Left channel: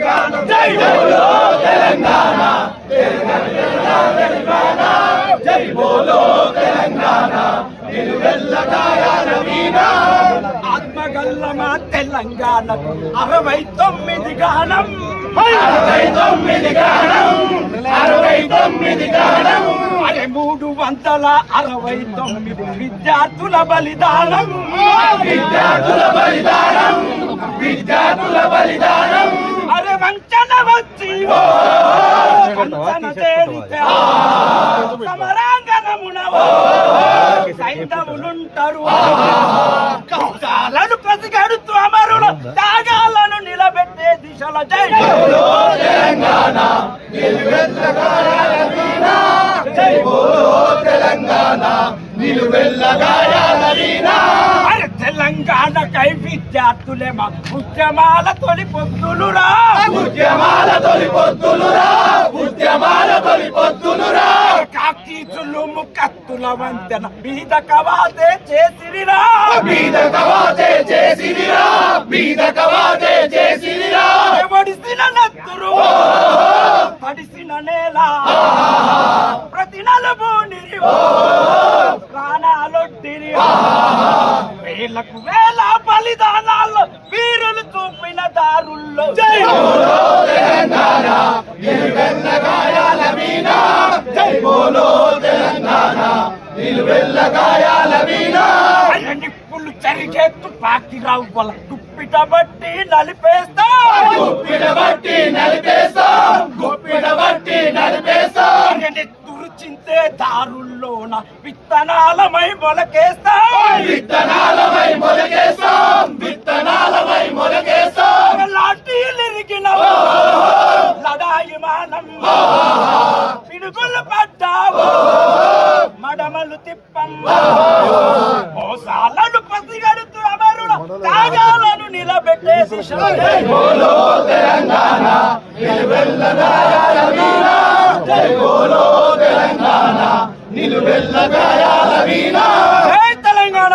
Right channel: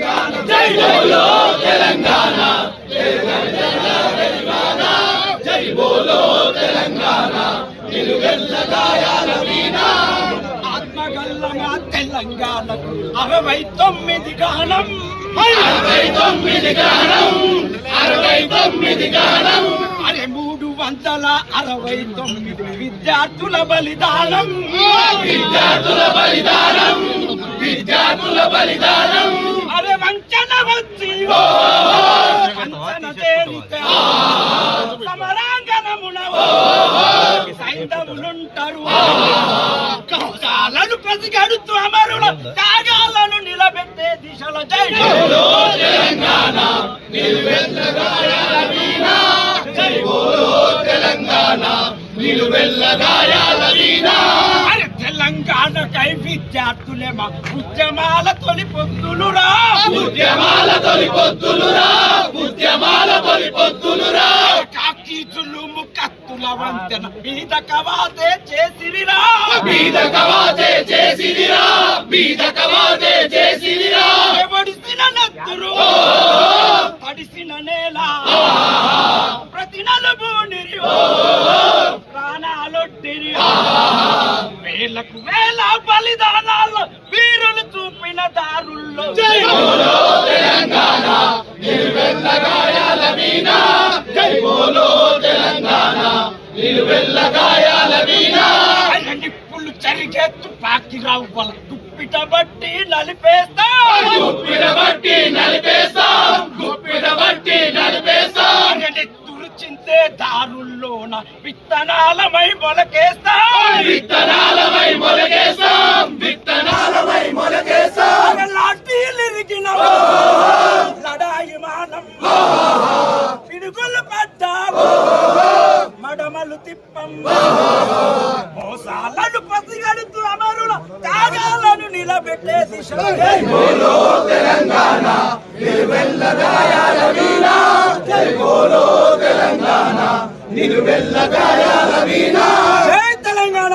తెలంగాణ జై బోలో తెలంగాణ జై బోలో తెలంగాణ నిలువెల్ల గాయాల వీణ ఆత్మగల్లమ తెలంగాణకు 69 గానం 69 గానం 69 గానం అరే 369 విద్యార్థుల బలిదానం విద్యార్థుల బలిదానం విద్యార్థుల బలిదానం అరే వంచన వచ్చి వంచన తేలితే సమరాంగణమున సైంధవులుంటారు కౌశాలను ప్రతిగడుతూ అమరుల త్యాగాలను నిలబెట్టే దిశల జై బోలో తెలంగాణ నిలువెల్ల గాయాల వీణ జై బోలో తెలంగాణ నిలువెల్ల గాయాల వీణ తెలంగాణకై విద్యార్థులే మా ఉద్యమాల తొలి పొత్తులురా ఉద్యమాల తొలి పొత్తులురా ఉద్యమాల తొలి పొత్తులురా కాకీచులు ముకత్తుల వంతెన బీద కవాతే చేసిరిరా బీద కవాతే చేసిరిరా బీద కవాతే చేసిరిరా ఎవడిసిన నత్తురు పడిసిన నేల ప్రతి నలుబూనిరి ప్రాణాలొట్టిరి వేలకు వేల బలిదానాల్లో వీరులు చూపిన దారుల్లో జై బోలో తెలంగాణ నిలువెల్ల గాయాల వీణ జై బోలో తెలంగాణ నిలువెల్ల గాయాల వీణ నిప్పులు చరిగే తుపాకి రవ్వల గుప్పిట బట్టి నలిపేస్తా గుప్పిట బట్టి నలిపేస్తా గుప్పిట బట్టి నలిపేస్తా చింతే దారుల్లోన విత్తనాలమై మొలకేస్తాం విత్తనాలమై మొలకేస్తాం విత్తనాలమై మొలకేస్తాం లాఠీలిరిగిన లడాయి మానం పిడుగులు పడ్డావు మడమలు తిప్పం మోసాలను పసిగడుతూ అమరుల త్యాగాలను నిలబెట్టే దిశలో జై బోలో తెలంగాణ నిలువెల్ల గాయాల వీణ జై బోలో తెలంగాణ నిలువెల్ల గాయాల వీణ జై తెలంగాణ